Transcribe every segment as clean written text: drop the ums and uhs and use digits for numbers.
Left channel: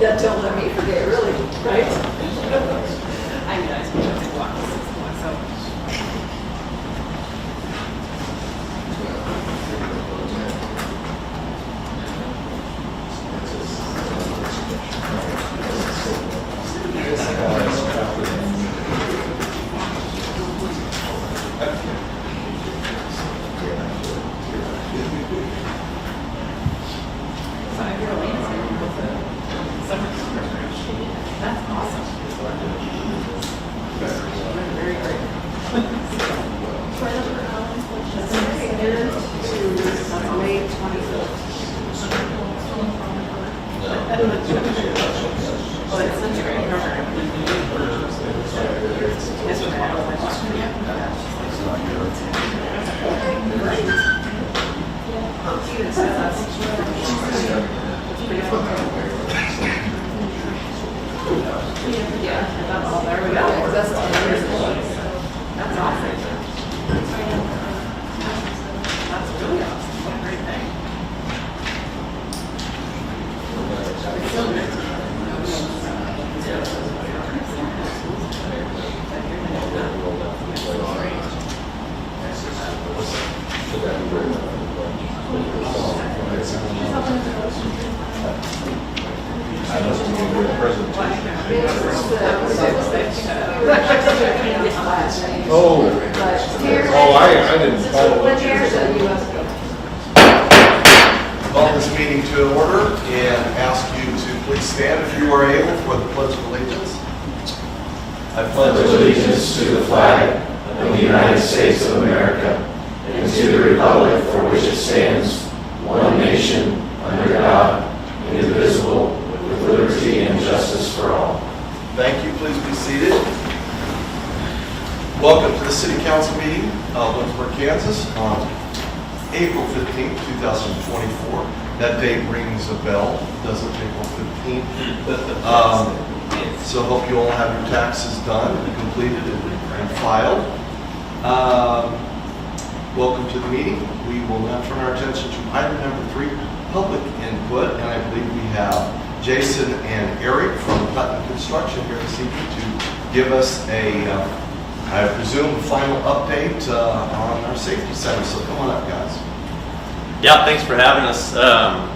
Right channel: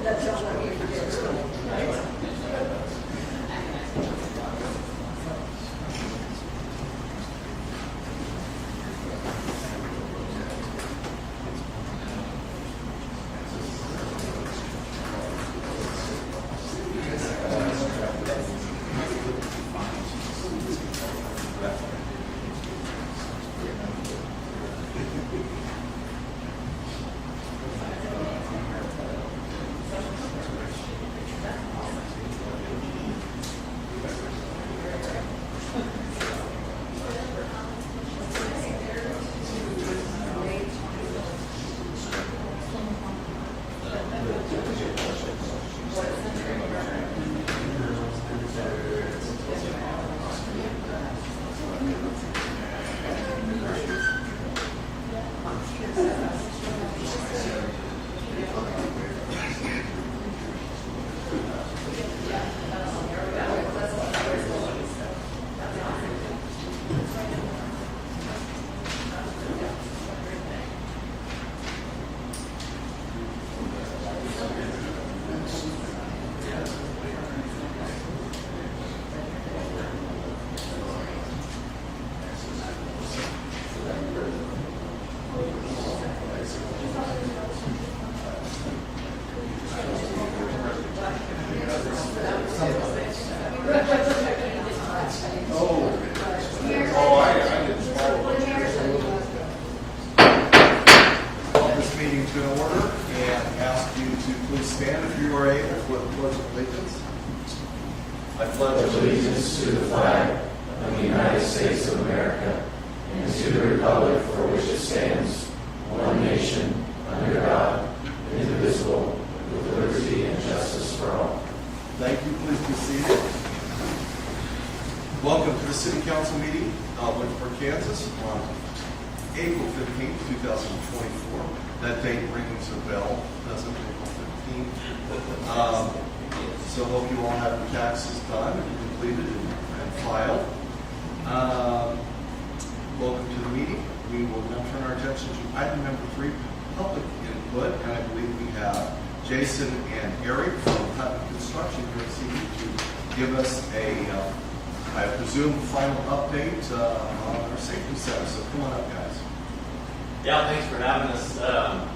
That tells on me forget, really, right? I mean, I suppose it's blocked so. That's awesome. Very great. May 25th. Oh, it's such a great program. That's what I have Yeah, that's all. There we go. That's awesome. That's really awesome. What a great thing. I didn't follow. Call this meeting to order and ask you to please stand if you are able for the Pledge of Allegiance. I pledge allegiance to the flag of the United States of America and to the republic for which it stands, one nation, under God, indivisible, with liberty and justice for all. Thank you. Please be seated. Welcome to the City Council meeting of Lindsborg, Kansas on April 15th, 2024. That date rings a bell, doesn't it, April 15th? So hope you all have your taxes done and completed and filed. Welcome to the meeting. We will now turn our attention to item number 3, public input. And I believe we have Jason and Eric from Putnam Construction here this evening to give us a, I presume, final update on our safety center. So come on up, guys. Yeah, thanks for having us.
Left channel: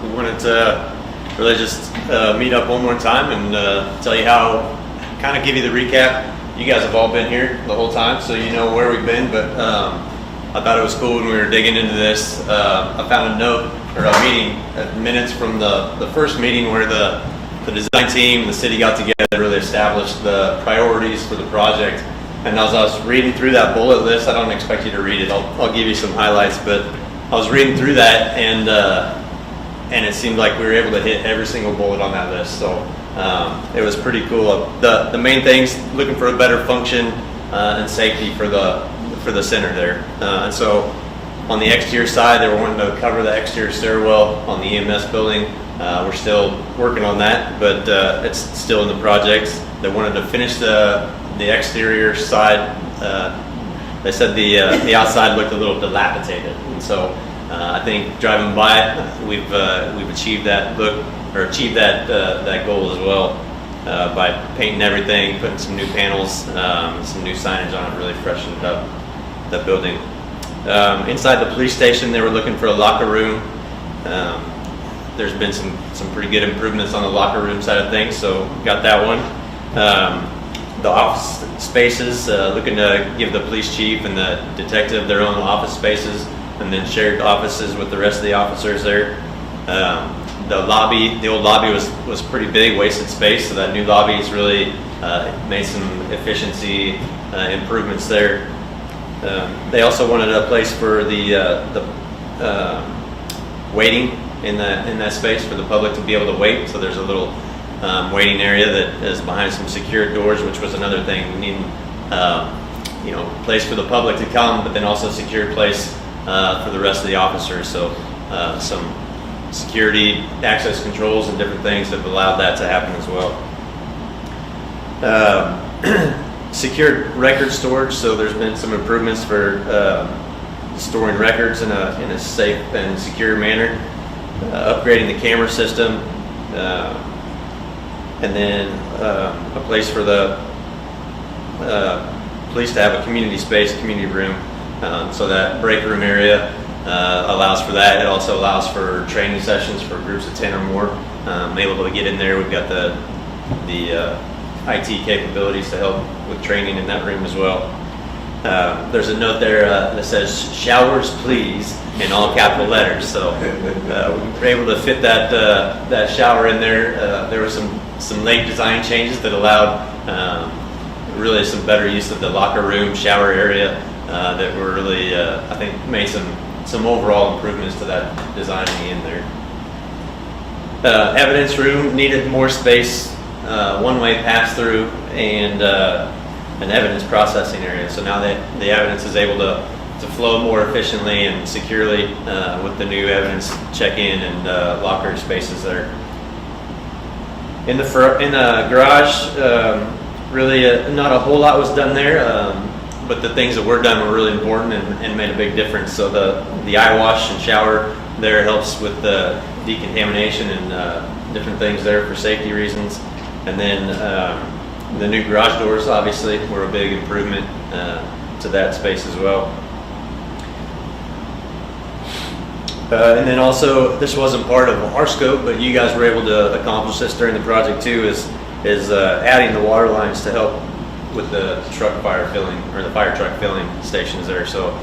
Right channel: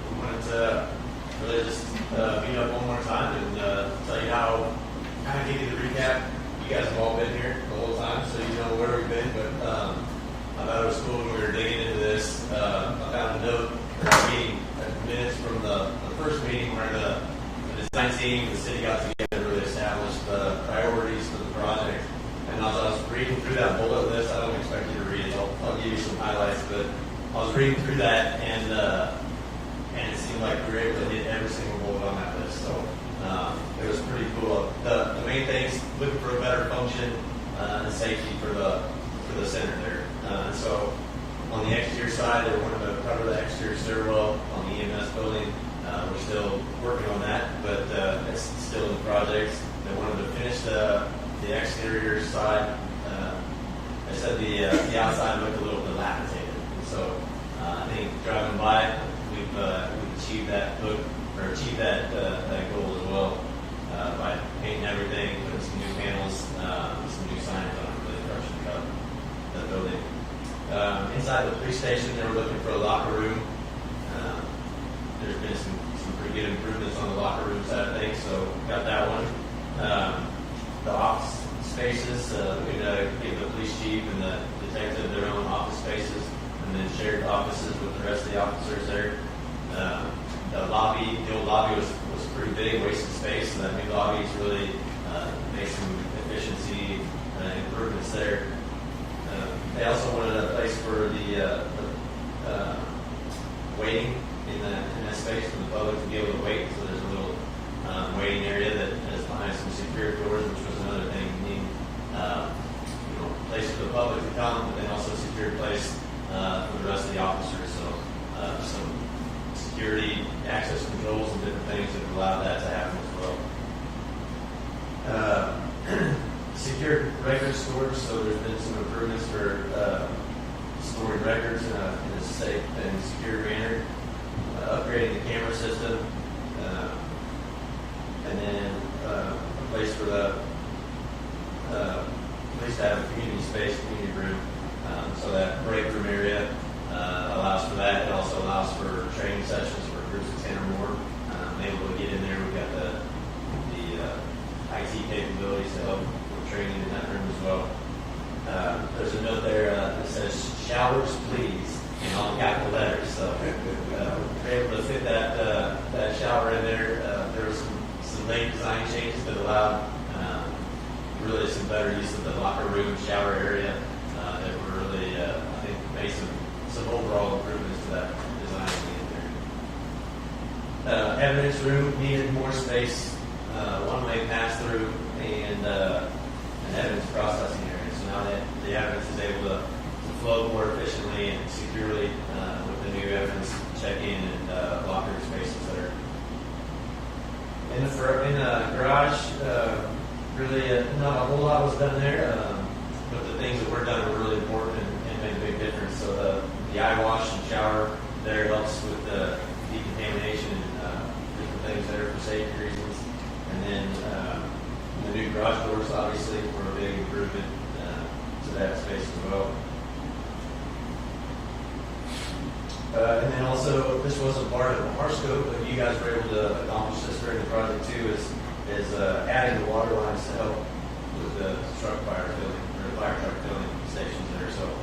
We wanted to really just meet up one more time and tell you how, kind of give you the recap. You guys have all been here the whole time, so you know where we've been, but I thought it was cool when we were digging into this. I found a note, or a meeting, minutes from the first meeting where the design team and the city got together and really established the priorities for the project. And as I was reading through that bullet list, I don't expect you to read it. I'll give you some highlights, but I was reading through that, and it seemed like we were able to hit every single bullet on that list. So it was pretty cool. The main things: looking for a better function and safety for the center there. And so on the exterior side, they were wanting to cover the exterior stairwell on the EMS building. We're still working on that, but it's still in the project. They wanted to finish the exterior side. They said the outside looked a little dilapidated, and so I think driving by it, we've achieved that look, or achieved that goal as well by painting everything, putting some new panels, and some new signage on it, really freshened up the building. Inside the police station, they were looking for a locker room. There's been some pretty good improvements on the locker room side of things, so got that one. The office spaces, looking to give the police chief and the detective their own office spaces, and then shared offices with the rest of the officers there. The old lobby was pretty big, wasted space, so that new lobby has really made some efficiency improvements there. They also wanted a place for the waiting in that space for the public to be able to wait. So there's a little waiting area that is behind some secured doors, which was another thing. We need place for the public to come, but then also a secured place for the rest of the officers. So some security access controls and different things have allowed that to happen as well. Secured record storage, so there's been some improvements for storing records in a safe and secure manner. Upgrading the camera system, And then a place for the police to have a community space, community room. So that break room area allows for that. It also allows for training sessions for groups of 10 or more. Able to get in there. We've got the IT capabilities to help with training in that room as well. There's a note there that says "showers please" in all capital letters. So we were able to fit that shower in there. There were some late design changes that allowed really some better use of the locker room shower area that were really I think made some overall improvements to that design in there. Evidence room needed more space, one-way pass-through, and an evidence processing area. So now that the evidence is able to flow more efficiently and securely with the new evidence check-in and locker spaces there. In the garage, really not a whole lot was done there, but the things that were done were really important and made a big difference. So the eye wash and shower there helps with the decontamination and different things there for safety reasons. And then the new garage doors obviously were a big improvement to that space as well. And then also, this wasn't part of our scope, but you guys were able to accomplish this during the project too, is adding the water lines to help with the truck fire filling, or the fire truck filling stations there. So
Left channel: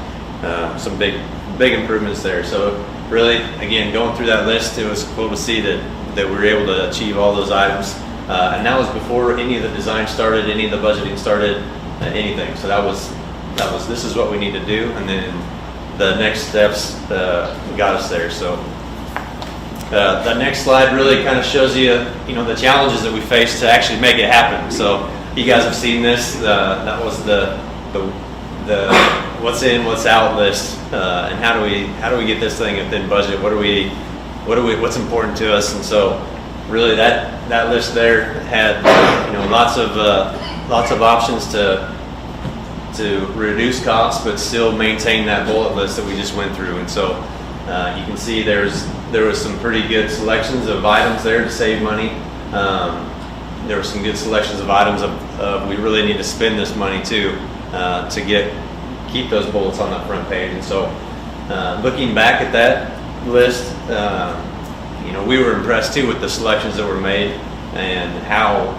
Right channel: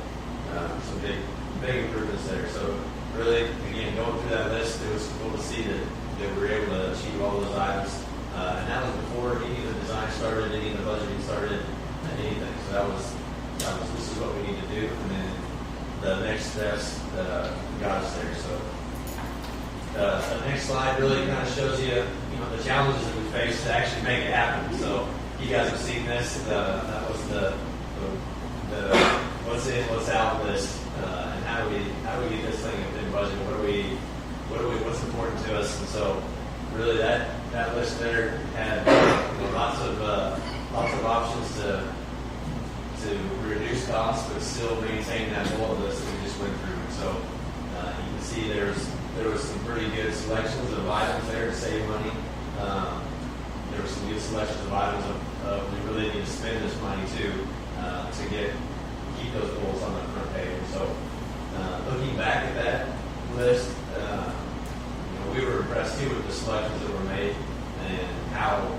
some big improvements there. So really, again, going through that list, it was cool to see that we were able to achieve all those items. And that was before any of the design started, any of the budgeting started, anything. So that was this is what we need to do, and then the next steps got us there. So the next slide really kind of shows you, the challenges that we faced to actually make it happen. So you guys have seen this. That was the what's in, what's out list, and how do we get this thing within budget? What's important to us? And so really that list there had lots of options to reduce costs, but still maintain that bullet list that we just went through. And so you can see there was some pretty good selections of items there to save money. There were some good selections of items of we really need to spend this money too to keep those bullets on that front page. And so looking back at that list, we were impressed too with the selections that were made and how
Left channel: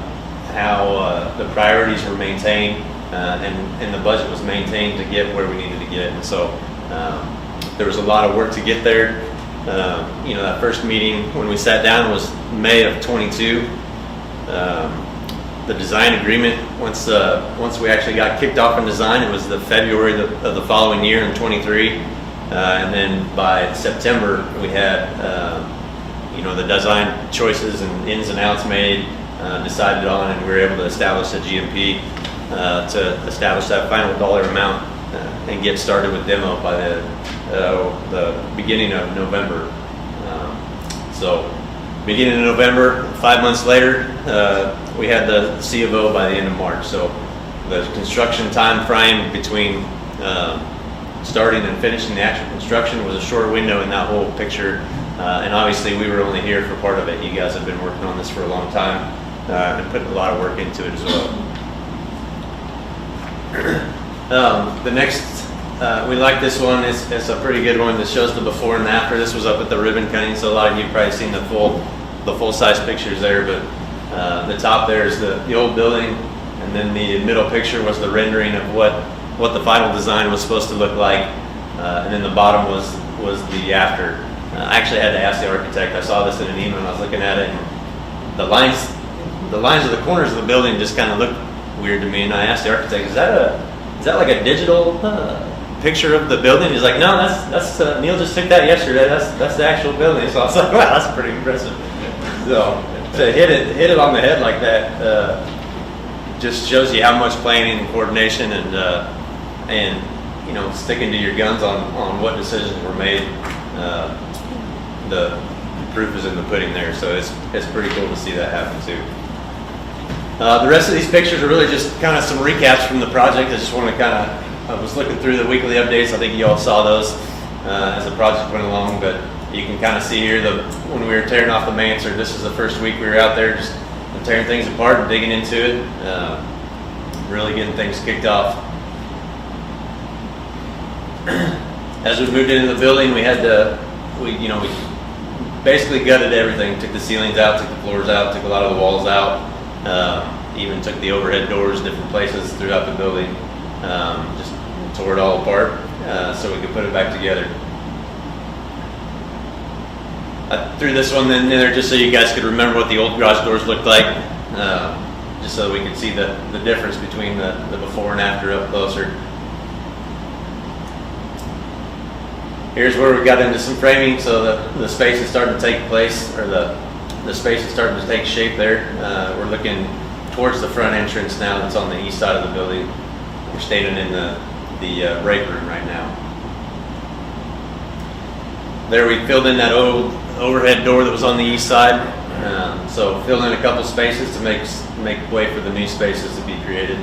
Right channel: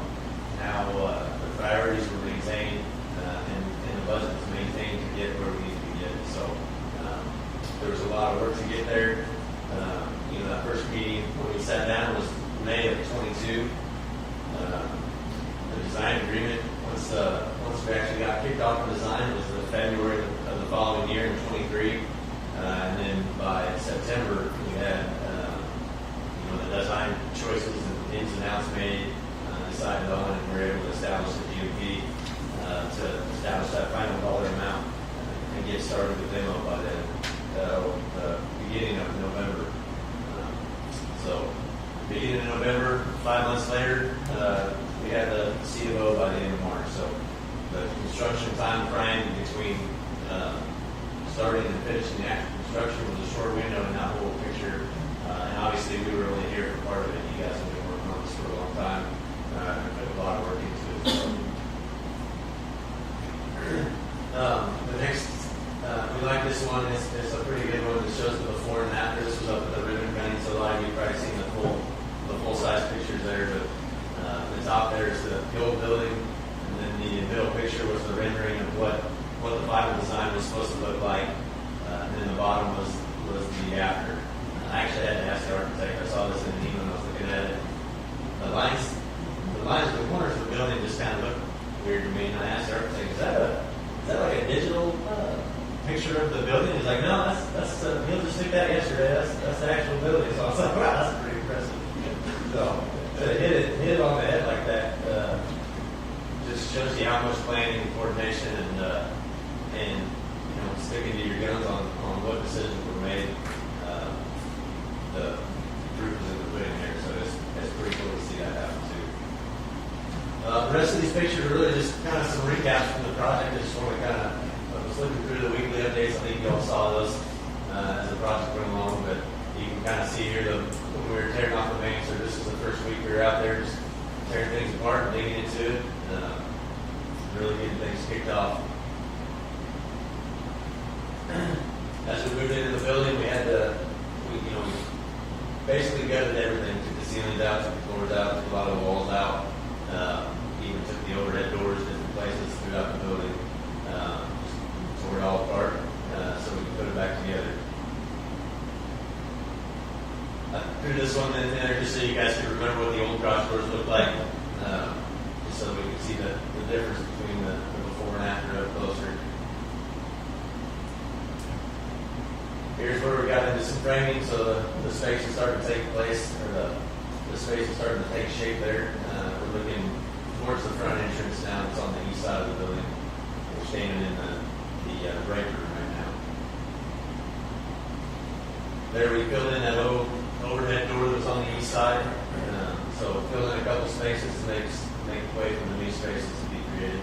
the priorities were maintained and the budget was maintained to get where we needed to get. And so there was a lot of work to get there. That first meeting when we sat down was May of 22. The design agreement, once we actually got kicked off in design, it was the February of the following year in 23. And then by September, we had the design choices and ins and outs made, decided on, and we were able to establish a GMP to establish that final dollar amount and get started with demo by the beginning of November. So beginning of November, 5 months later, we had the C of O by the end of March. So the construction time frame between starting and finishing the actual construction was a short window in that whole picture. And obviously we were only here for part of it. You guys have been working on this for a long time and put a lot of work into it as well. The next, we like this one. It's a pretty good one that shows the before and after. This was up at the ribbon cutting, so a lot of you have probably seen the full size pictures there. But the top there is the old building, and then the middle picture was the rendering of what the final design was supposed to look like, and then the bottom was the after. I actually had to ask the architect. I saw this in an email. I was looking at it, and the lines of the corners of the building just kind of looked weird to me. And I asked the architect, "Is that like a digital picture of the building?" He's like, "No, that's Neil just took that yesterday. That's the actual building." So I was like, "Wow, that's pretty impressive." So to hit it on the head like that just shows you how much planning and coordination and sticking to your guns on what decisions were made. The proof is in the pudding there, so it's pretty cool to see that happen too. The rest of these pictures are really just kind of some recaps from the project. I just want to I was looking through the weekly updates. I think you all saw those as the project went along, but you can kind of see here when we were tearing off the mansard. This is the first week we were out there just tearing things apart and digging into it, really getting things kicked off. As we moved into the building, we basically gutted everything. Took the ceilings out, took the floors out, took a lot of the walls out. Even took the overhead doors different places throughout the building. Just tore it all apart so we could put it back together. I threw this one in there just so you guys could remember what the old garage doors looked like, just so we could see the difference between the before and after up closer. Here's where we got into some framing, so the space is starting to take place, or the space is starting to take shape there. We're looking towards the front entrance now that's on the east side of the building. We're standing in the break room right now. There we filled in that old overhead door that was on the east side. So filled in a couple spaces to make way for the new spaces to be created.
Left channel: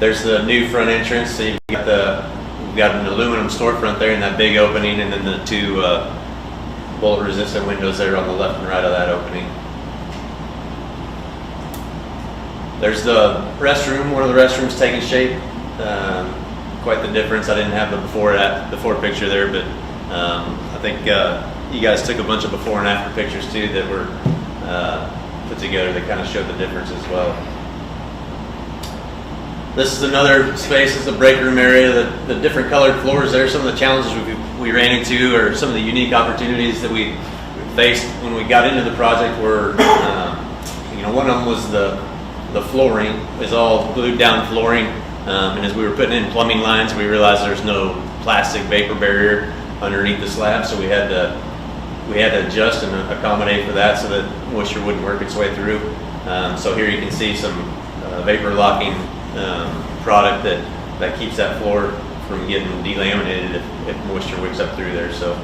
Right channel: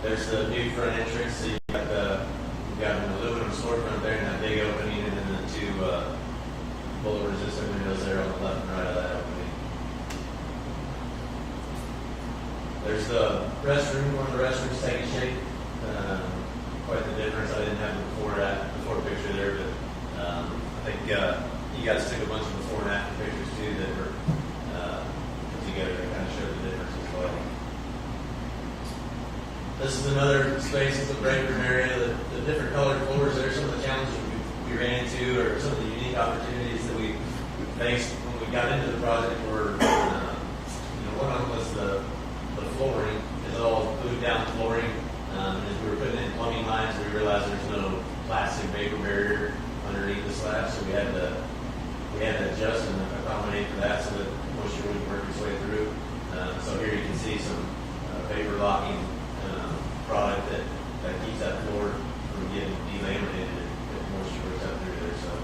There's the new front entrance. So you've got we've got an aluminum storefront there in that big opening, and then the two bolt resistant windows there on the left and right of that opening. There's the restroom, where the restroom's taking shape. Quite the difference. I didn't have the before picture there, but I think you guys took a bunch of before and after pictures too that were put together that kind of showed the difference as well. This is another space. It's the break room area. The different colored floors there. Some of the challenges we ran into, or some of the unique opportunities that we faced when we got into the project were, one of them was the flooring is all glued down flooring. And as we were putting in plumbing lines, we realized there's no plastic vapor barrier underneath the slab, so we had to adjust and accommodate for that so that moisture wouldn't work its way through. So here you can see some vapor locking product that keeps that floor from getting delaminated if moisture wicks up through there. So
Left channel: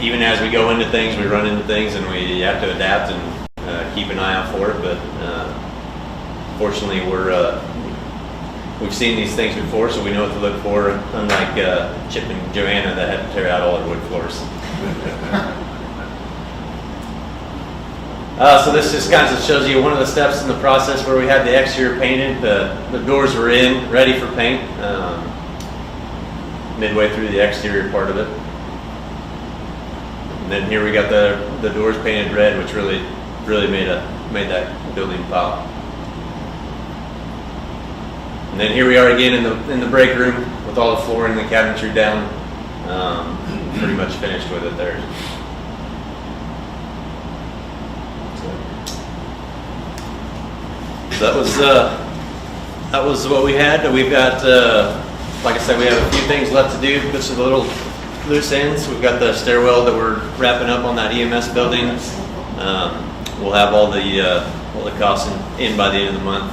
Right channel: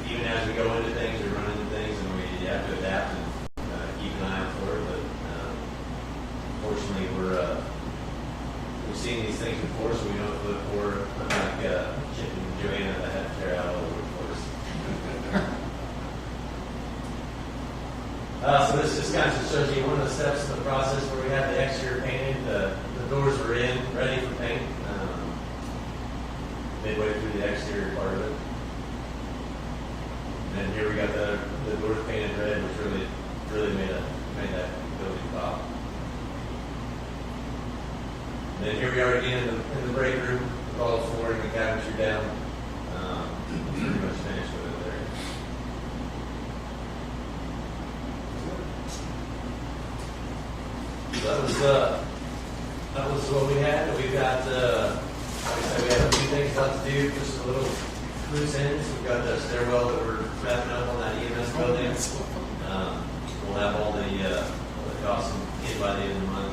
even as we go into things, we run into things, and we have to adapt and keep an eye out for it. But fortunately, we've seen these things before, so we know what to look for, unlike Chip and Joanna that had to tear out all their wood floors. So this just kind of shows you one of the steps in the process where we had the exterior painted. The doors were in, ready for paint, midway through the exterior part of it. And then here we got the doors painted red, which really made that building pop. And then here we are again in the break room with all the flooring and the cabinetry down. Pretty much finished with it there. So that was what we had. We've got, like I said, we have a few things left to do. Put some little loose ends. We've got the stairwell that we're wrapping up on that EMS building. We'll have all the costs in by the end of the month.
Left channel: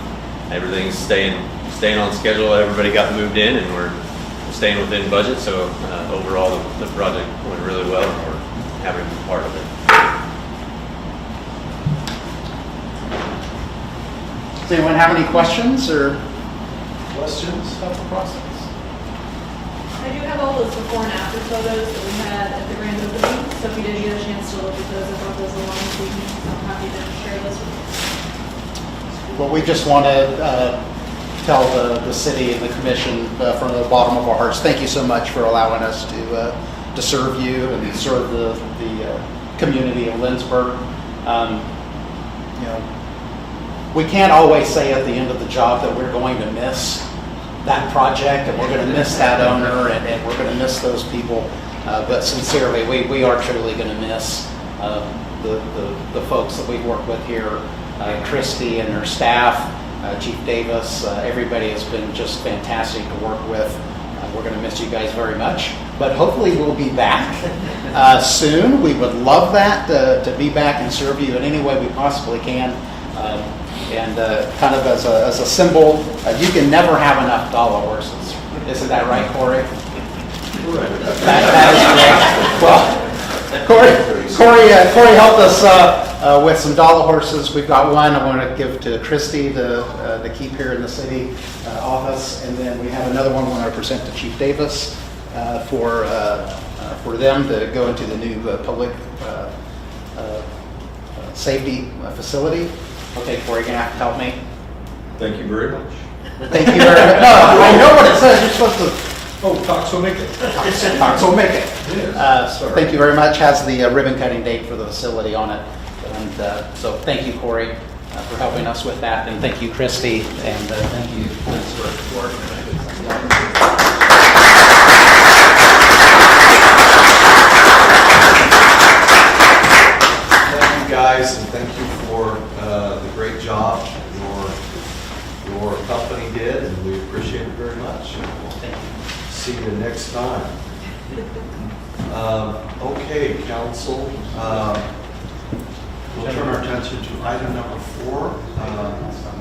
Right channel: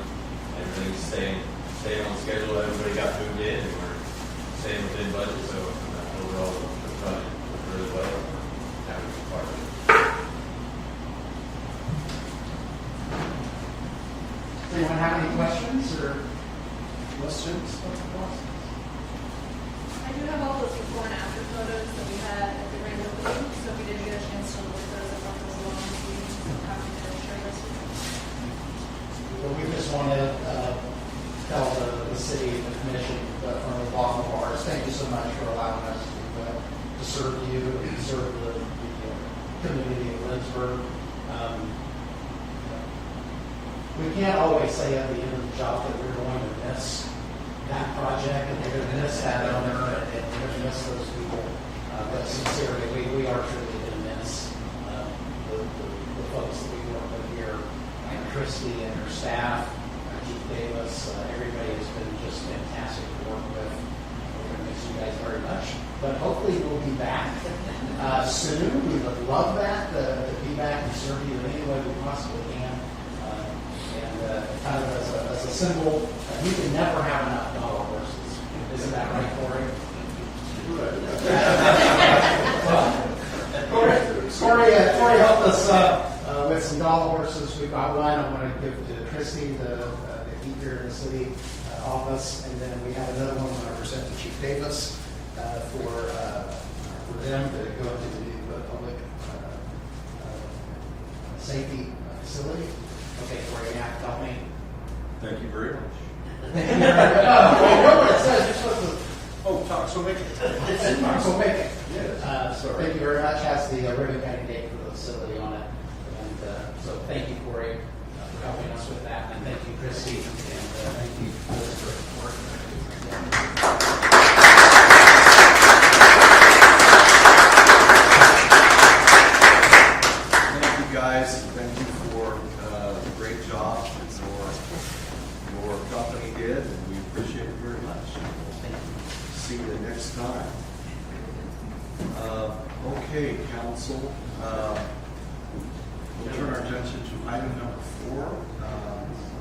Everything's staying on schedule. Everybody got moved in, and we're staying within budget. So overall, the project went really well, and we're happy to be part of it. Does anyone have any questions or questions about the process? I do have all those before and after photos that we had at the grand opening, so if you did get a chance to look at those, I brought those along this evening, so I'm happy to share this with you. Well, we just want to tell the city and the commission from the bottom of our hearts, thank you so much for allowing us to serve you and serve the community of Lindsborg. We can't always say at the end of the job that we're going to miss that project and we're going to miss that owner and we're going to miss those people. But sincerely, we are truly going to miss the folks that we work with here, Christy and her staff, Chief Davis. Everybody has been just fantastic to work with. We're going to miss you guys very much, but hopefully we'll be back soon. We would love that to be back and serve you in any way we possibly can. And kind of as a symbol, you can never have enough dollar horses. Isn't that right, Corey? That is correct. Well, Corey helped us with some dollar horses. We've got one I want to give to Christy to keep here in the city office, and then we have another one I want to present to Chief Davis. for them to go into the new public safety facility. Okay, Corey, you're gonna have to help me. Thank you very much. Thank you very much. No, I know what it says. You're supposed to. Oh, talk so make it. So make it. Yes. So thank you very much. Has the ribbon cutting date for the facility on it. And so thank you, Corey, for helping us with that. And thank you, Christy. And thank you, Liz, for work. Thank you, guys, and thank you for the great job your company did, and we appreciate it very much. And we'll see you next time. Okay, council, we'll turn our attention to item number 4.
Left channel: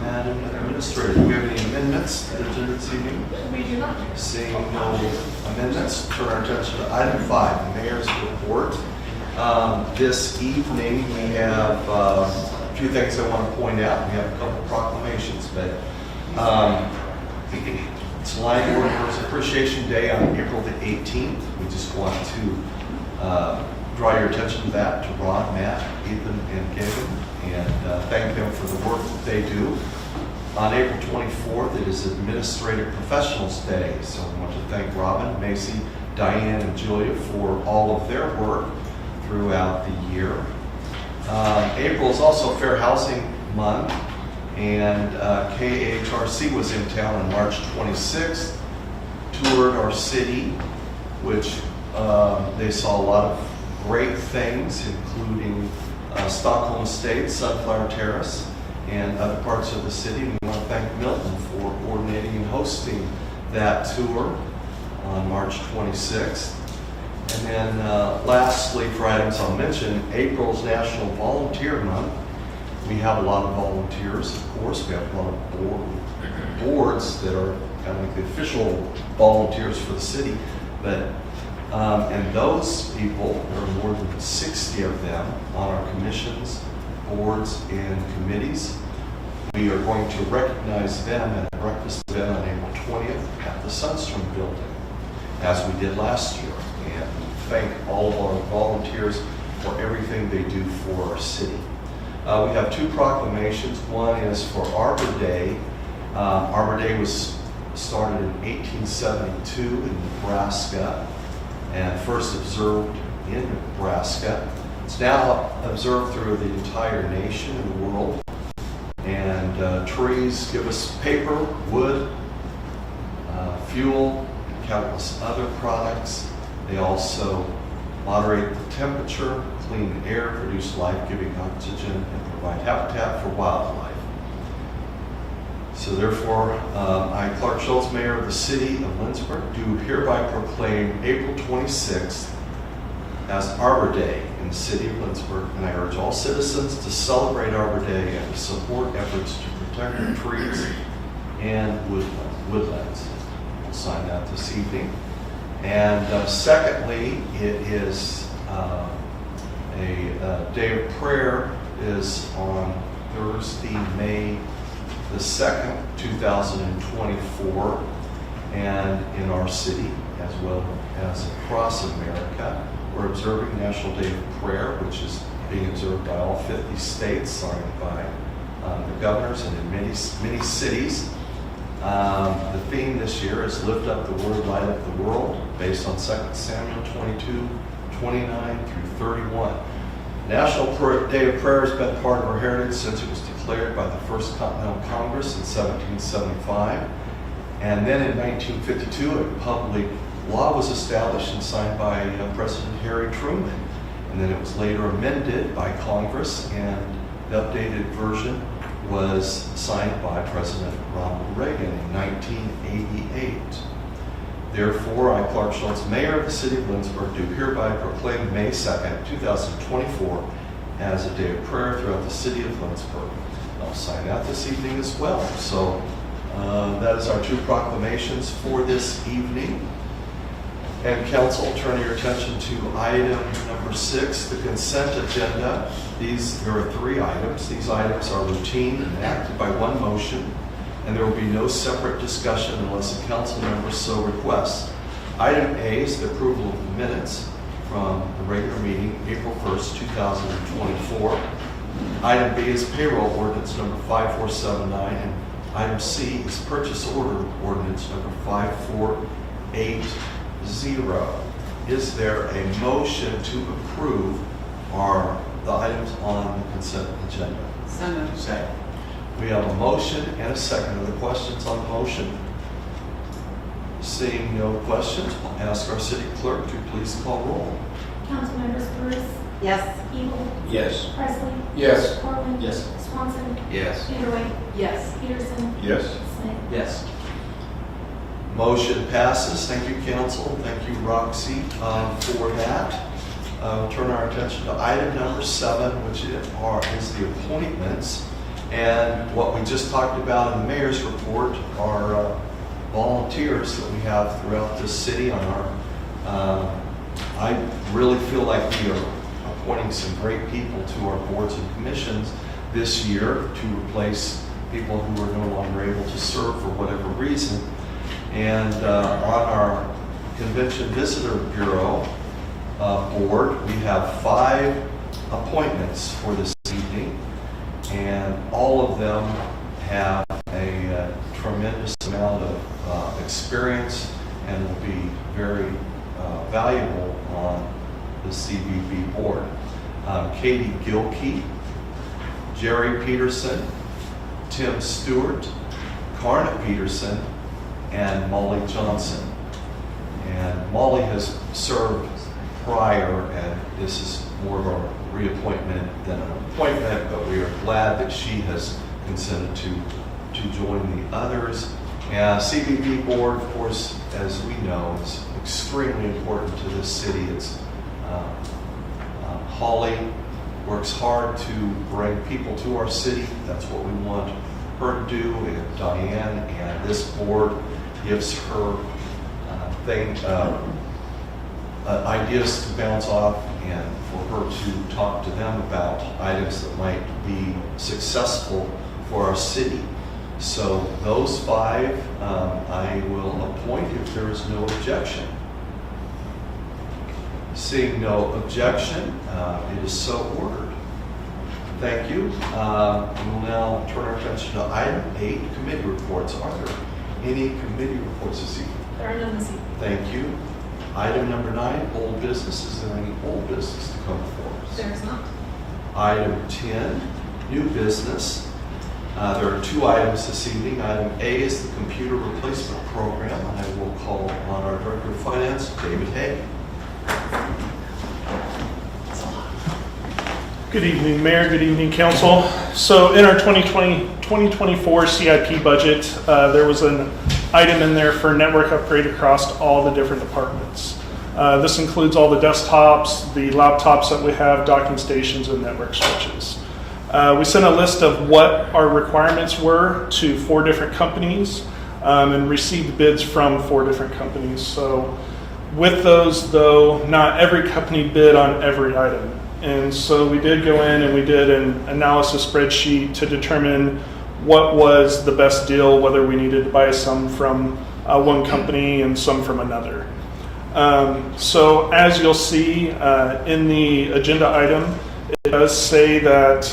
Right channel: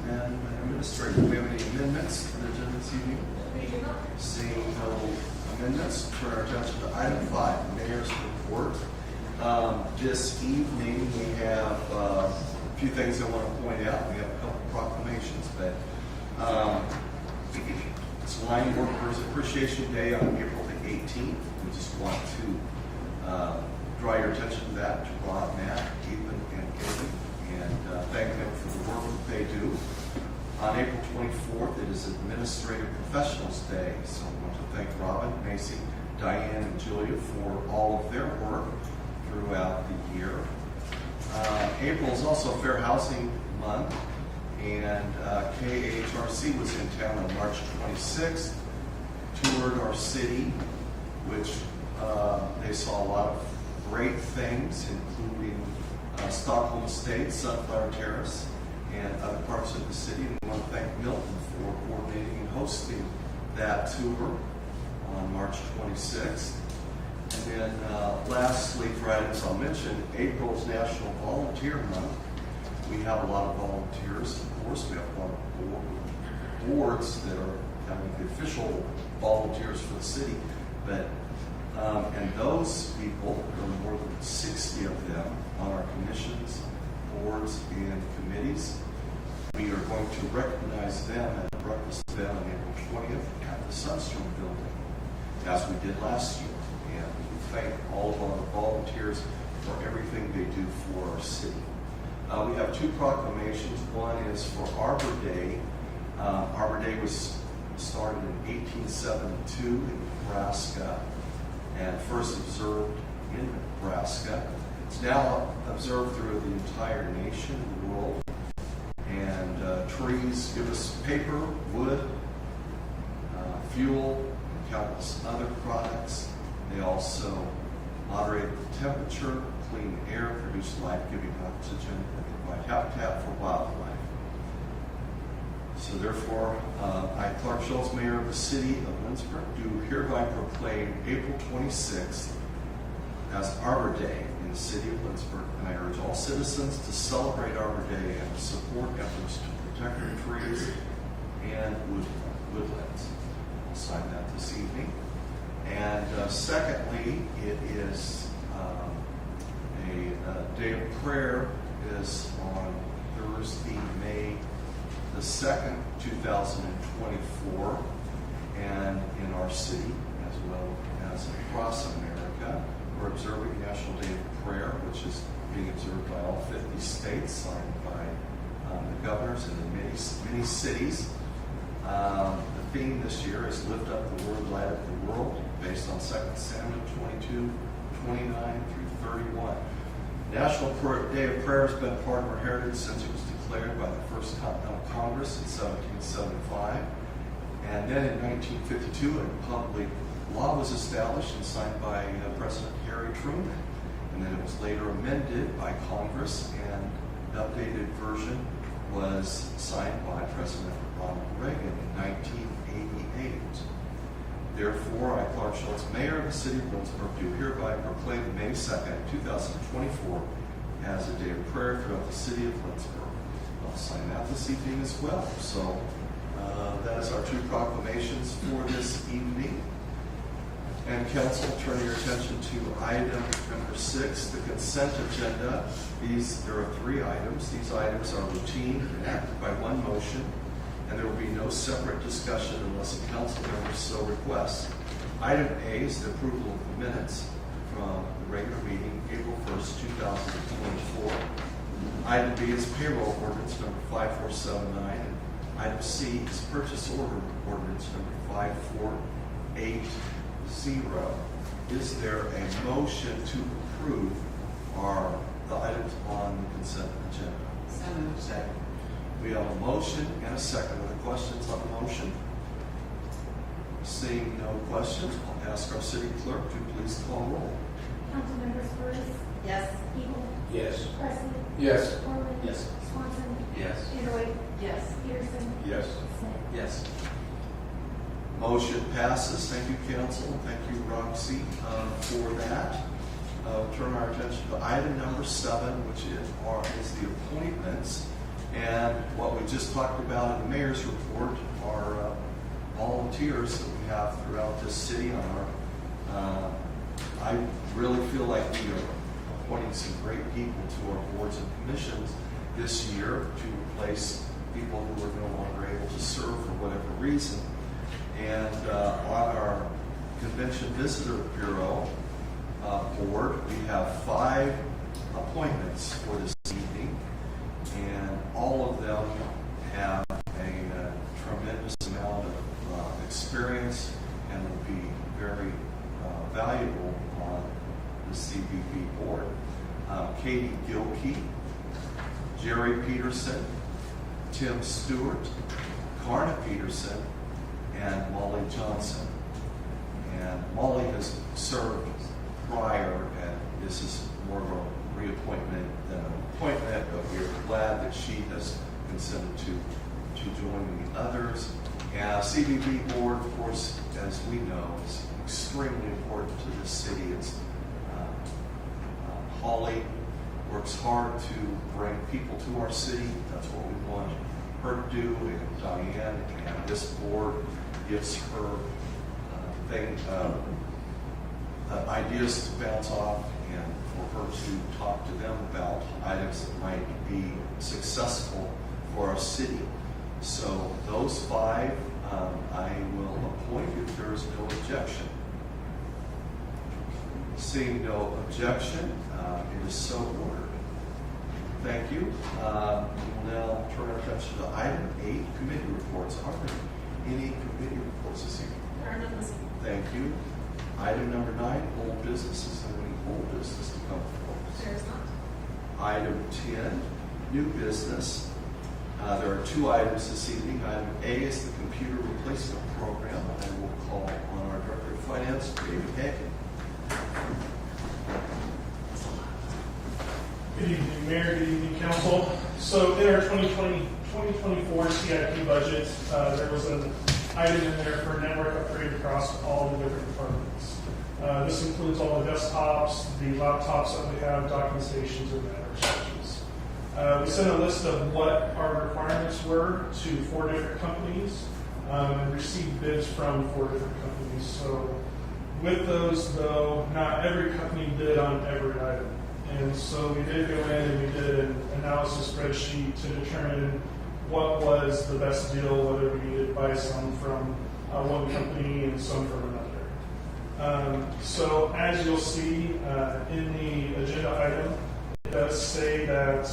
Madam Administrator, do we have any amendments to the agenda this evening? We do not. Seeing no amendments, turn our attention to item 5, the mayor's report. This evening, we have a few things I want to point out. We have a couple proclamations, but it's Lindsborg Workers Appreciation Day on April the 18th. We just want to draw your attention to that, to Ron, Matt, Ethan, and Gagan, and thank them for the work that they do. On April 24th, it is Administrative Professionals Day, so I want to thank Robin, Macy, Diane, and Julia for all of their work throughout the year. April is also Fair Housing Month, and KHRC was in town on March 26th, toured our city, which they saw a lot of great things, including Stockholm Estates, Sunflower Terrace, and other parts of the city. We want to thank Milton for coordinating and hosting that tour on March 26th. And then lastly, for items I'll mention, April's National Volunteer Month. We have a lot of volunteers, of course. We have a lot of boards that are kind of like the official volunteers for the city. But and those people, there are more than 60 of them on our commissions, boards, and committees. We are going to recognize them at a breakfast event on April 20th at the Sunstrom Building, as we did last year. And we thank all of our volunteers for everything they do for our city. We have 2 proclamations. One is for Arbor Day. Arbor Day was started in 1872 in Nebraska and first observed in Nebraska. It's now observed through the entire nation and the world. And trees give us paper, wood, fuel, and countless other products. They also moderate the temperature, clean air, produce life-giving oxygen, and provide habitat for wildlife. So therefore, I, Clark Schultz, Mayor of the City of Lindsborg, do hereby proclaim April 26th as Arbor Day in the City of Lindsborg, and I urge all citizens to celebrate Arbor Day and to support efforts to protect the trees and woodlands. We'll sign that this evening. And secondly, it is a day of prayer is on Thursday, May the 2nd, 2024, and in our city as well as across America, we're observing National Day of Prayer, which is being observed by all 50 states, signed by the governors and in many cities. The theme this year is Lift Up the Word, Light Up the World, based on 2 Samuel 22, 29 through 31. National Day of Prayer has been part of our heritage since it was declared by the First Continental Congress in 1775. And then in 1952, a public law was established and signed by President Harry Truman. And then it was later amended by Congress, and the updated version was signed by President Ronald Reagan in 1988. Therefore, I, Clark Schultz, Mayor of the City of Lindsborg, do hereby proclaim May 2nd, 2024 as a day of prayer throughout the City of Lindsborg. I'll sign that this evening as well. So that is our 2 proclamations for this evening. And council, turn your attention to item number 6, the consent agenda. There are 3 items. These items are routine and acted by one motion, and there will be no separate discussion unless a council member so requests. Item A is the approval of the minutes from the regular meeting, April 1st, 2024. Item B is payroll ordinance number 5479, and item C is purchase order ordinance number 5480. Is there a motion to approve the items on the consent agenda? So moved. Second. We have a motion and a second. Are there questions on the motion? Seeing no questions, I'll ask our city clerk to please call roll. Councilmembers Bruce, Yes. Evil, Yes. Presley, Yes. Portman. Yes. Swanson, Yes. Peterweight, Yes. Peterson, Yes. Smith. Yes. Motion passes. Thank you, council. Thank you, Roxy, for that. We'll turn our attention to item number 7, which is the appointments. And what we just talked about in the mayor's report are volunteers that we have throughout the city on our, I really feel like we are appointing some great people to our boards and commissions this year to replace people who are no longer able to serve for whatever reason. And on our Convention Visitor Bureau board, we have 5 appointments for this evening, and all of them have a tremendous amount of experience and will be very valuable on the CVB board. Katie Gilkey, Jerry Peterson, Tim Stewart, Karna Peterson, and Molly Johnson. And Molly has served prior, and this is more of a reappointment than an appointment, but we are glad that she has consented to join the others. And CVB board, of course, as we know, is extremely important to this city. It's Holly works hard to bring people to our city. That's what we want her to do. We have Diane, and this board gives her ideas to bounce off and for her to talk to them about items that might be successful for our city. So those 5 I will appoint if there is no objection. Seeing no objection, it is so ordered. Thank you. We will now turn our attention to item 8, committee reports. Are there any committee reports this evening? There are none this evening. Thank you. Item number 9, old business. Is there any old business to come before us? There is not. Item 10, new business. There are 2 items this evening. Item A is the computer replacement program, and I will call on our Director of Finance, David Hay. Good evening, Mayor. Good evening, Council. So in our 2024 CIP budget, there was an item in there for network upgrade across all the different departments. This includes all the desktops, the laptops that we have, docking stations, and network switches. We sent a list of what our requirements were to 4 different companies and received bids from 4 different companies. So with those, though, not every company bid on every item. And so we did go in and we did an analysis spreadsheet to determine what was the best deal, whether we needed to buy some from one company and some from another. So as you'll see in the agenda item, it does say that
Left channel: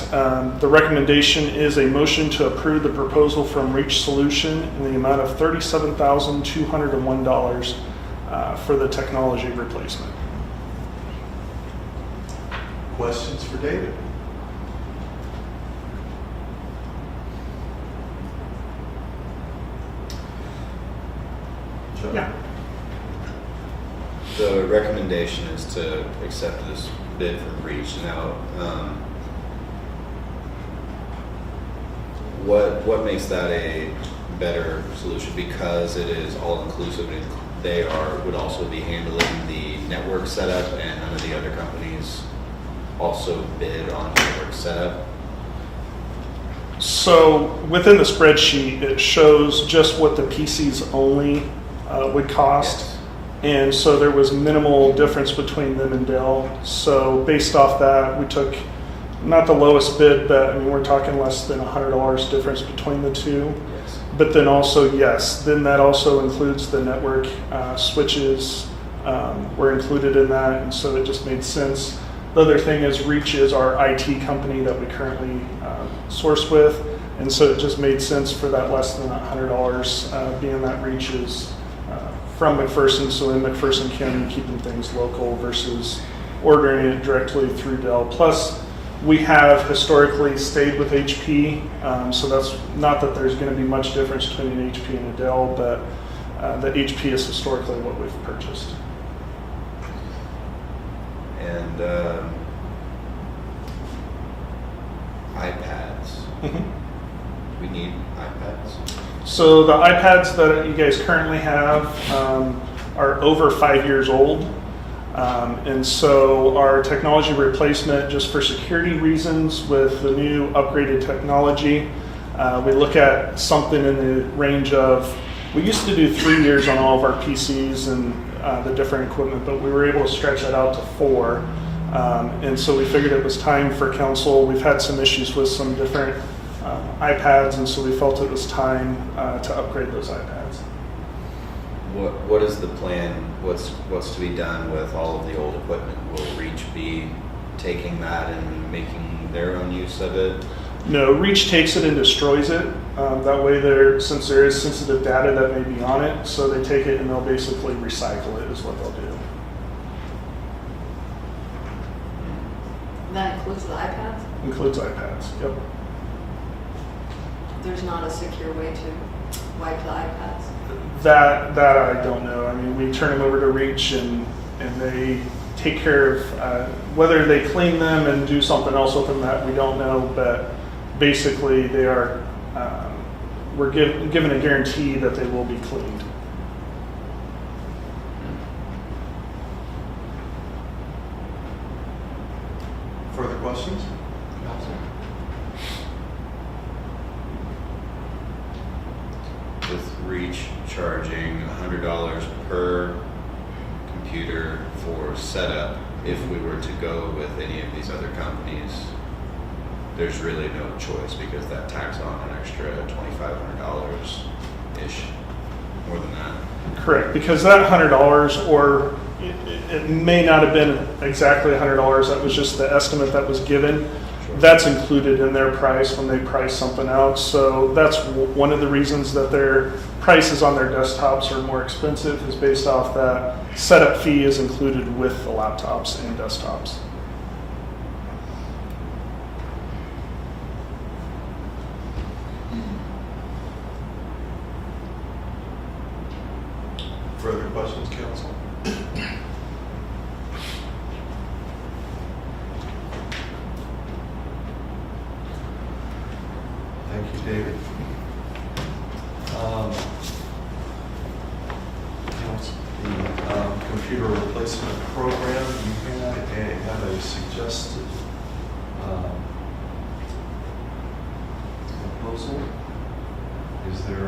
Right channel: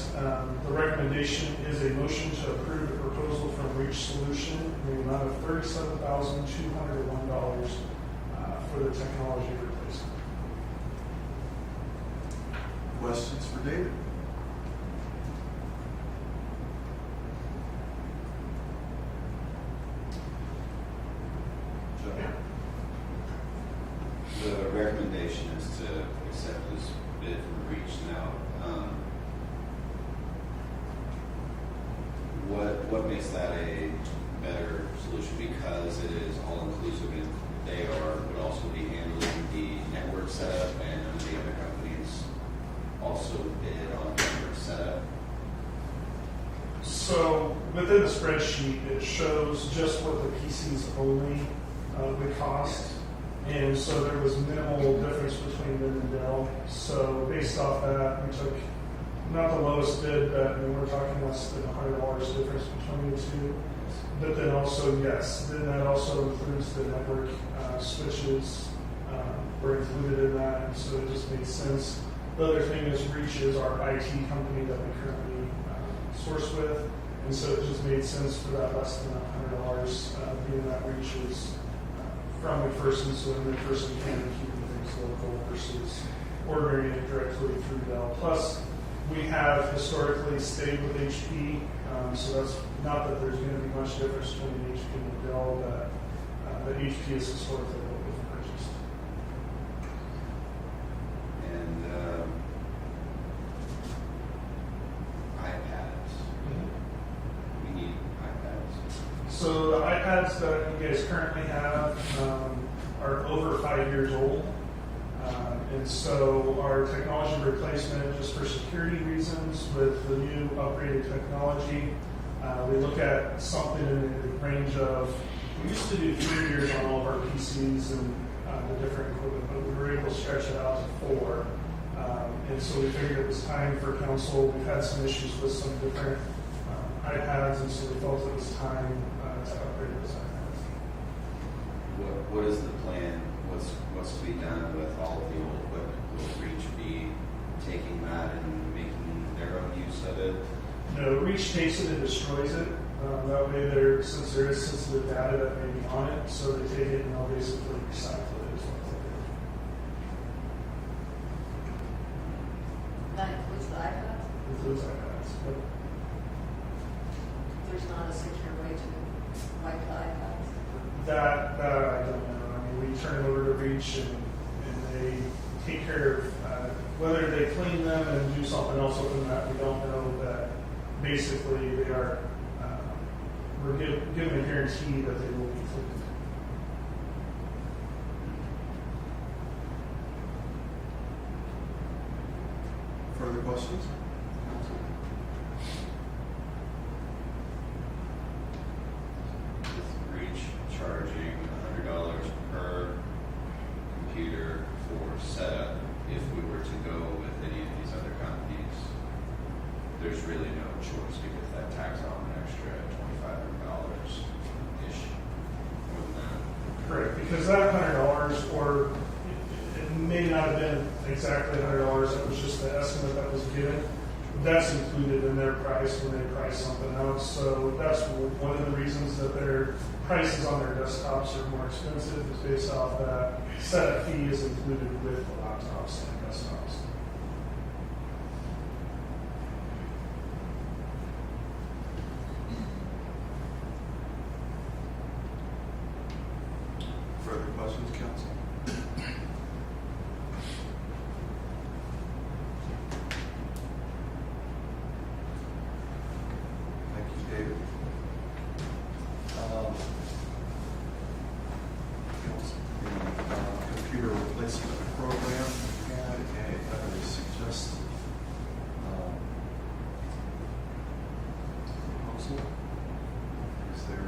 the recommendation is a motion to approve the proposal from Reach Solution in the amount of $37,201 for the technology replacement. Questions for David? Joe? Yeah. The recommendation is to accept this bid from Reach. Now, what makes that a better solution? Because it is all inclusive and they would also be handling the network setup, and none of the other companies also bid on network setup. So within the spreadsheet, it shows just what the PCs only would cost. Yes. And so there was minimal difference between them and Dell. So based off that, we took not the lowest bid, but I mean, we're talking less than $100 difference between the 2. Yes. But then also, yes, then that also includes the network switches were included in that, and so it just made sense. The other thing is Reach is our IT company that we currently source with, and so it just made sense for that less than $100, being that Reach is from McPherson, so in McPherson County, keeping things local versus ordering it directly through Dell. Plus, we have historically stayed with HP, so that's not that there's going to be much difference between an HP and a Dell, but the HP is historically what we've purchased. And iPads. We need iPads. So the iPads that you guys currently have are over 5 years old. And so our technology replacement, just for security reasons with the new upgraded technology, we look at something in the range of, we used to do 3 years on all of our PCs and the different equipment, but we were able to stretch that out to 4. And so we figured it was time for council. We've had some issues with some different iPads, and so we felt it was time to upgrade those iPads. What is the plan? What's to be done with all of the old equipment? Will Reach be taking that and making their own use of it? No, Reach takes it and destroys it. That way, since there is sensitive data that may be on it, so they take it and they'll basically recycle it is what they'll do. That includes the iPads? Includes iPads, yep. There's not a secure way to wipe the iPads? That I don't know. I mean, we turn them over to Reach and they take care of, whether they clean them and do something else with them, that we don't know, but basically they are, we're given a guarantee that they will be cleaned. Further questions? With Reach charging $100 per computer for setup, if we were to go with any of these other companies, there's really no choice because that tacks on an extra $2,500-ish, more than that. Correct, because that $100, or it may not have been exactly $100, that was just the estimate that was given. That's included in their price when they price something out. So that's one of the reasons that their prices on their desktops are more expensive, is based off that setup fee is included with the laptops and desktops. Further questions, council? Thank you, David. The computer replacement program, you have a suggested proposal. Is there a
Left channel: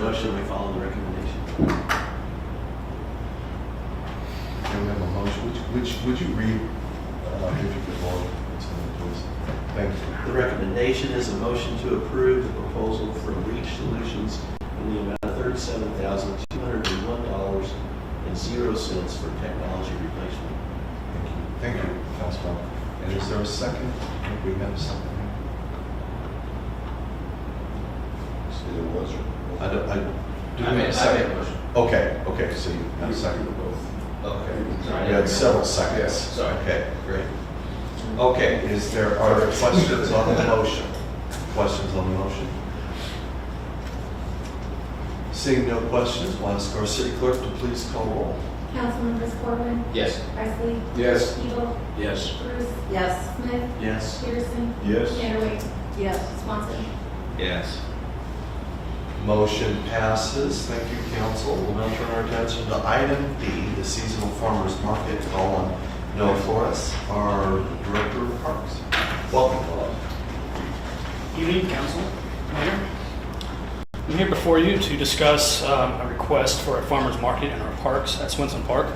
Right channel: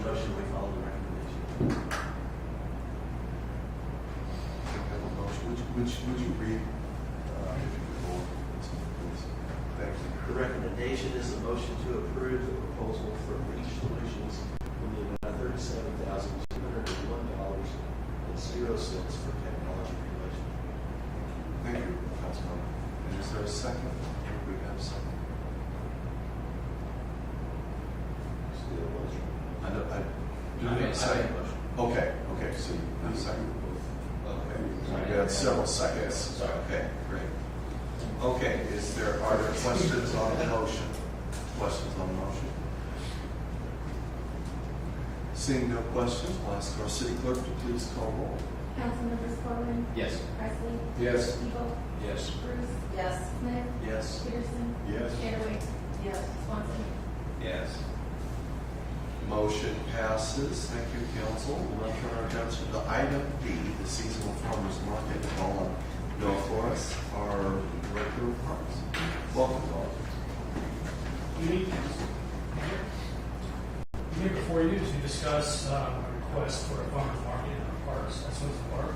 Motion, we follow the recommendation. Okay, we have a motion. Would you read, if you could, Lauren, please? Thank you. The recommendation is a motion to approve the proposal from Reach Solutions in the amount of $37,201.00 for technology replacement. Thank you, Councilman. And is there a second? I think we have something. There was. I made a second motion. Okay, so you got a second of both. Okay. You had several seconds. Sorry. Okay, great. Okay, are there questions on the motion? Questions on the motion? Seeing no questions, we'll ask our city clerk to please call roll. Councilmembers Corbin, Yes. Presley, Yes. Eagle, Yes. Bruce, Yes. Smith, Yes. Peterson, Yes. Caterway, Yes. Swanson. Yes. Motion passes. Thank you, council. We'll now turn our attention to item B, the seasonal farmers market. Call on Noah Flores, our director of parks. Welcome, Noah. Evening, Council, Mayor. I'm here before you to discuss a request for a farmer's market in our parks at Swenson Park.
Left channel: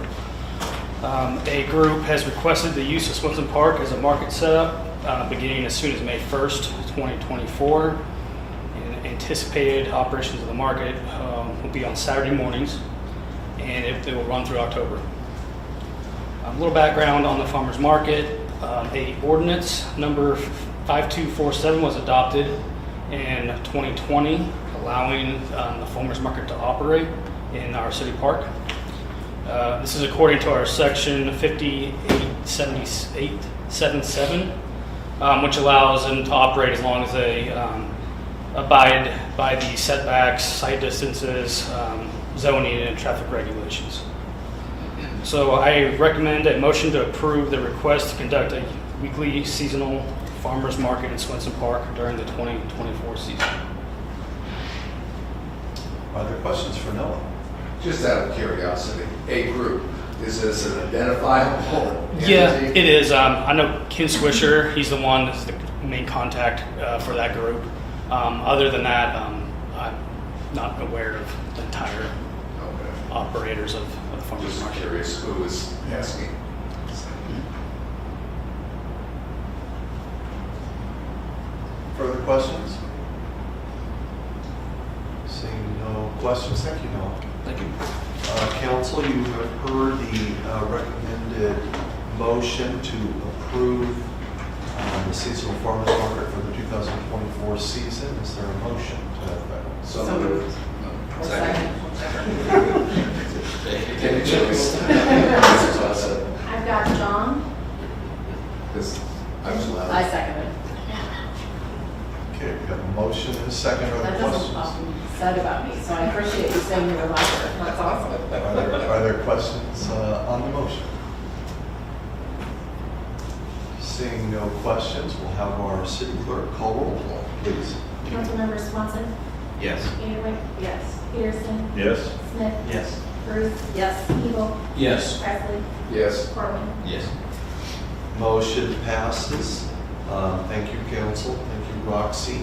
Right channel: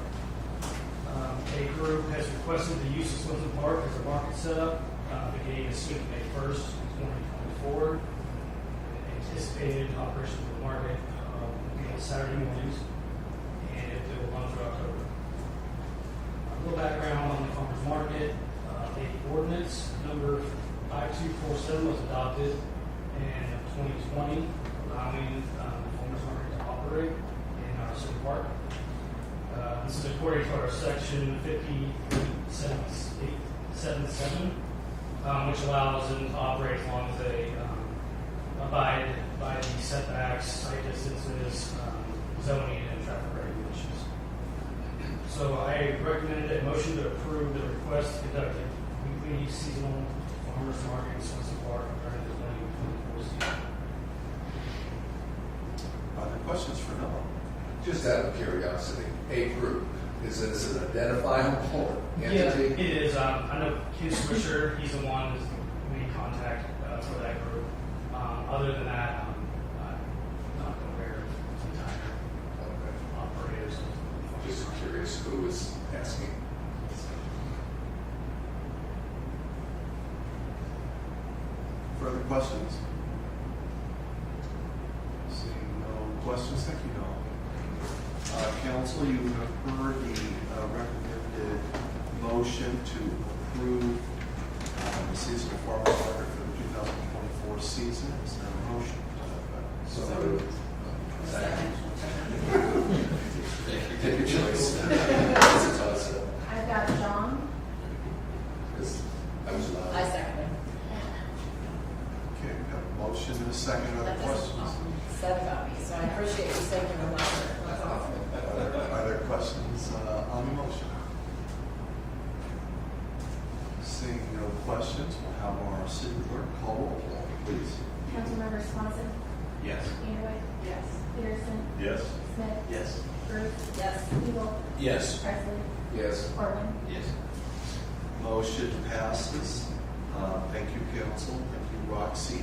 A group has requested the use of Swenson Park as a market setup beginning as soon as May 1st, 2024. And anticipated operations of the market will be on Saturday mornings, and it will run through October. A little background on the farmers market. A ordinance number 5247 was adopted in 2020, allowing the farmers market to operate in our city park. This is according to our section 5877, which allows them to operate as long as they abide by the setbacks, site distances, zoning, and traffic regulations. So I recommend a motion to approve the request to conduct a weekly seasonal farmers market in Swenson Park during the 2024 season. Are there questions for Noah? Just out of curiosity, a group, is this an identifiable Yeah, entity? it is. I know Ken Swisher, he's the one that's the main contact for that group. Other than that, I'm not aware of the entire Okay. operators of the farmers Just market. curious who was asking. Further questions? Seeing no questions, thank you, Noah. Thank you. Council, you have heard the recommended motion to approve the seasonal farmers market for the 2024 season. Is there a motion to that effect? So So moved. moved. No, Or second. Take a choice. I've got John, This, I'm just I allowed. second it. Okay, we have a motion and a second. Are there That doesn't questions? often said about me, so I appreciate you saying you're a liar. That's awesome. Are there questions on the motion? Seeing no questions, we'll have our city clerk call roll, please. Councilmember Swanson, Yes. Anderwick, Yes. Peterson, Yes. Smith, Yes. Bruce, Yes. Hebel, Yes. Presley, Yes. Corwin. Yes. Motion passes. Thank you, council. Thank you, Roxy.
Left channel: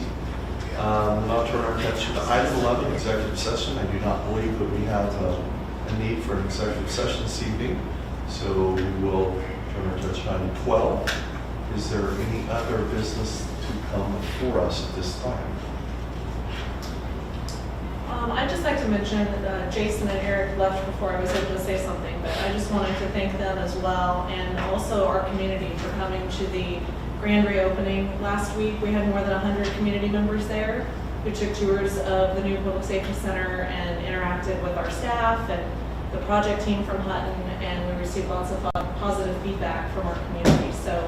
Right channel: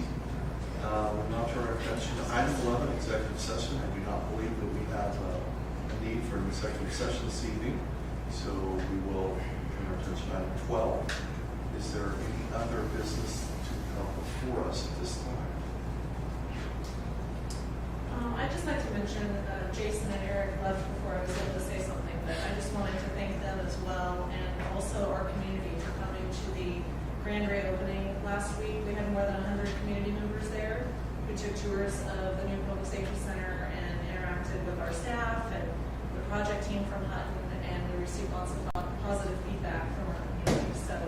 Now turn our attention to item 11, executive session. I do not believe that we have a need for an executive session this evening, so we will turn our attention to item 12. Is there any other business to come before us at this time? I'd just like to mention that Jason and Eric left before I was able to say something, but I just wanted to thank them as well, and also our community for coming to the grand reopening. Last week, we had more than 100 community members there who took tours of the new Public Safety Center and interacted with our staff and the project team from Hutton, and we received lots of positive feedback from our community. So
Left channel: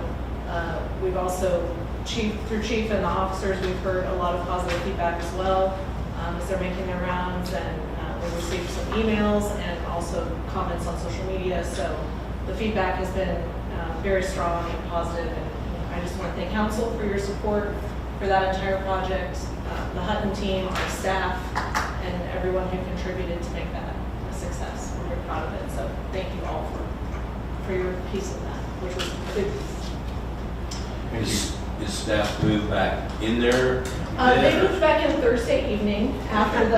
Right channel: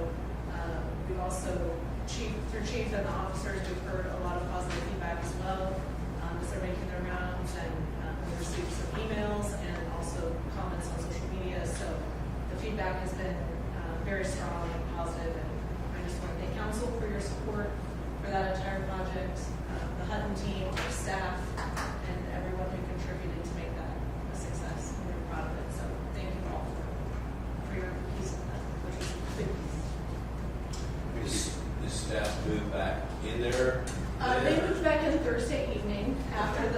we've also, through Chief and the officers, we've heard a lot of positive feedback as well. As they're making their rounds, and we received some emails and also comments on social media. So the feedback has been very strong and positive, and I just want to thank council for your support for that entire project, the Hutton team, our staff, and everyone who contributed to make that a success. We're very proud of it. So thank you all for your piece of that, which was a big piece. Is staff moved back in there? They moved back in Thursday evening after the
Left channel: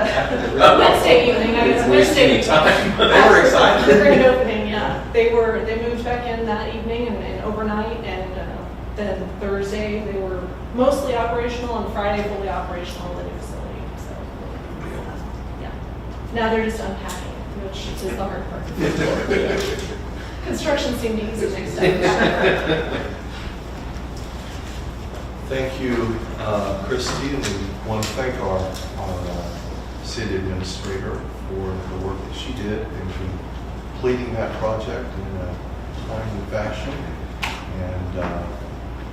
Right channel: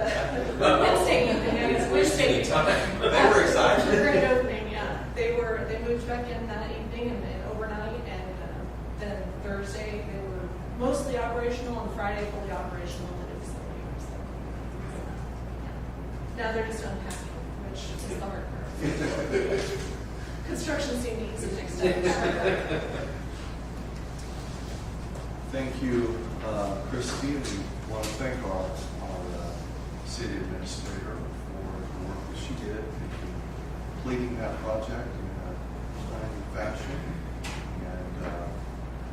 Wednesday evening, I guess. Wasting time. They were excited. The grand opening, yeah. They moved back in that evening and overnight, and then Thursday they were mostly operational, and Friday fully operational in the new facility. So, yeah. Now they're just unpacking, which is the hard part. Construction seemed easy next time. Thank you, Christy, and we want to thank our city administrator for the work that she did in completing that project in a timely fashion and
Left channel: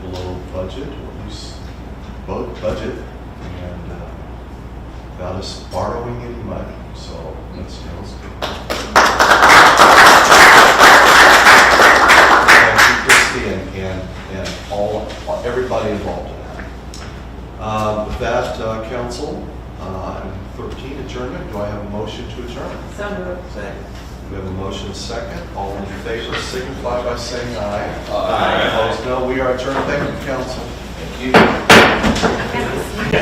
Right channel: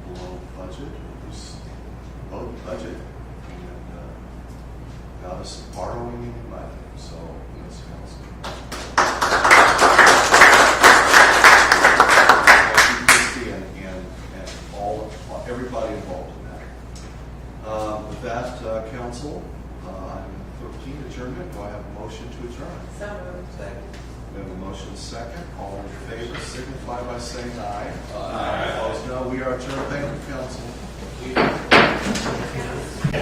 below budget, or at least both budget, and without us borrowing any money. So that's good. And everybody involved in that. With that, council, item 13, adjournment. Do I have a motion to adjourn? So moved. Second. We have a motion second. All in favor signify by saying aye. Aye. Opposed, no. We are adjourned. Thank you, council. Thank you.